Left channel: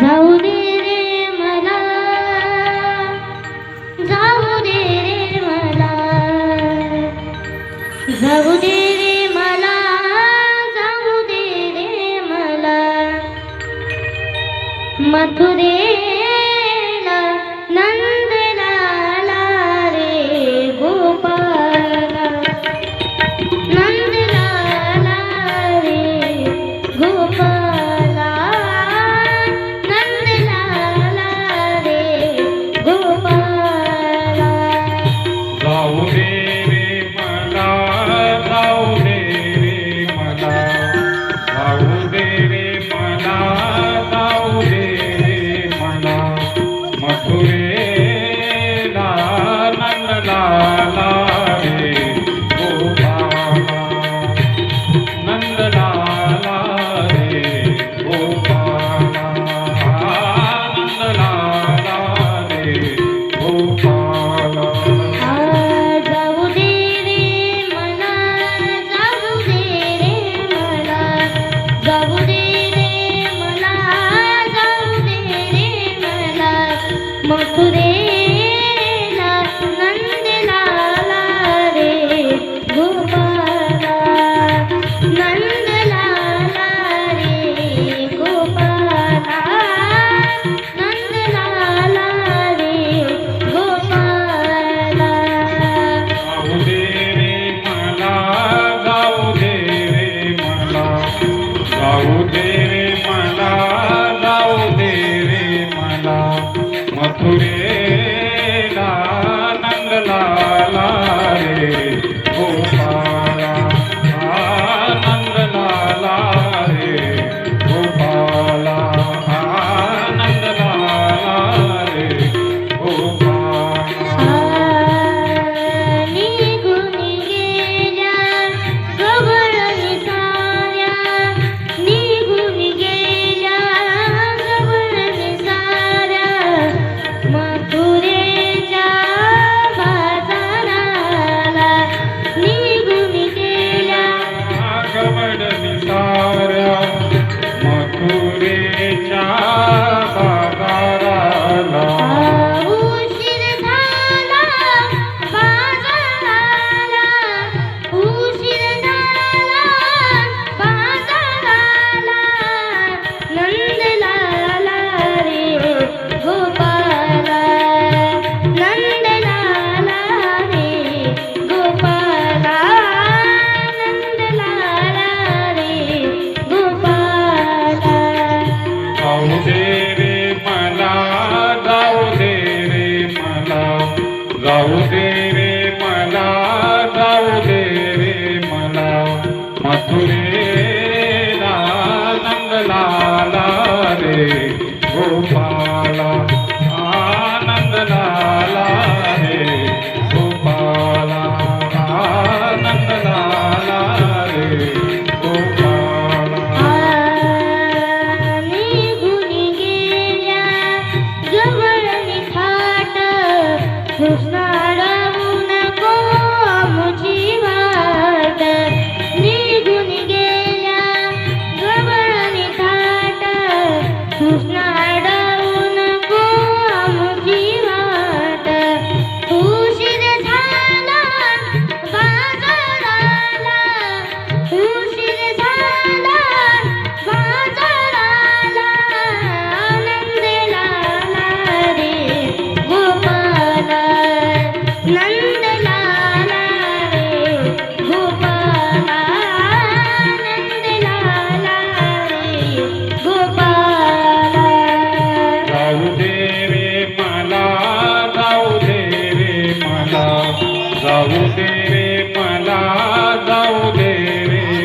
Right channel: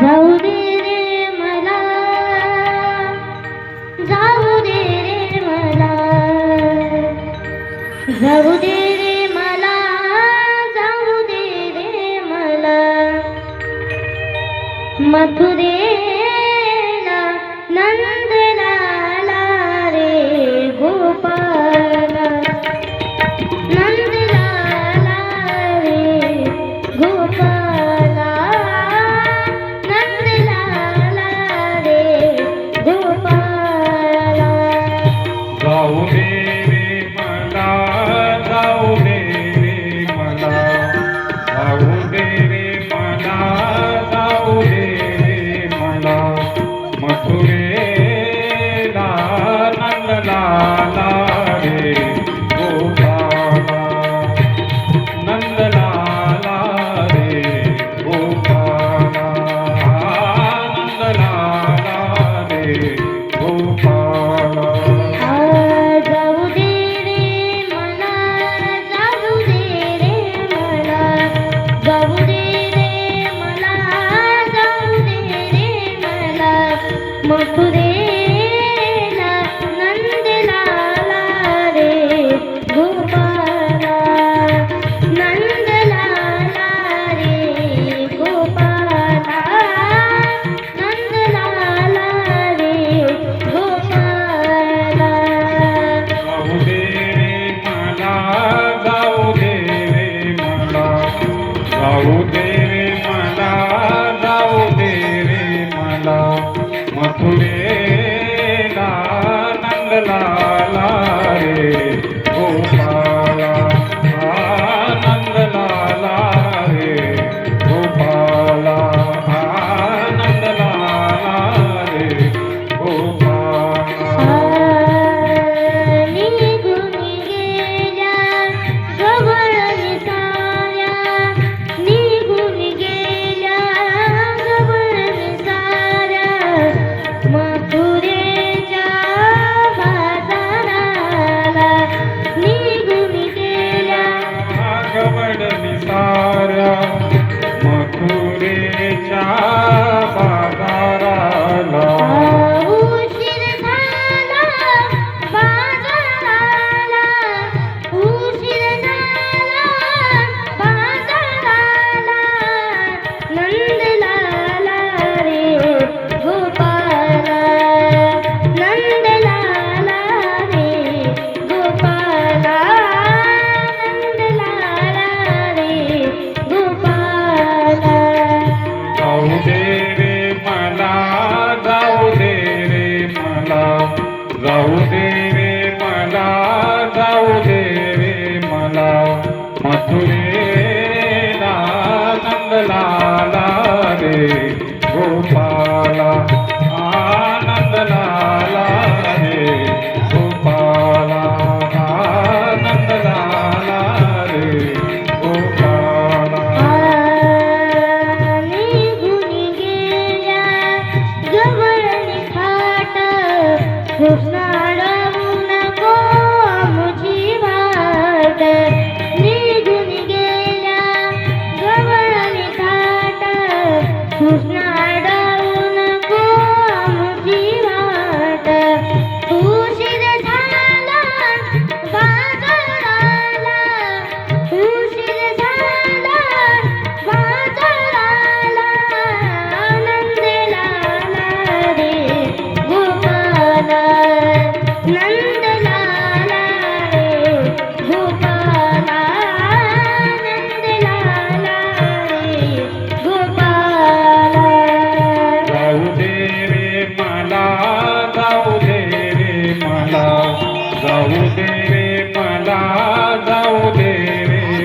जाऊ रे मला जाऊ दे रे मला जाऊ दे रे मला जाऊ दे रे मला. Okay. মধুরে देवे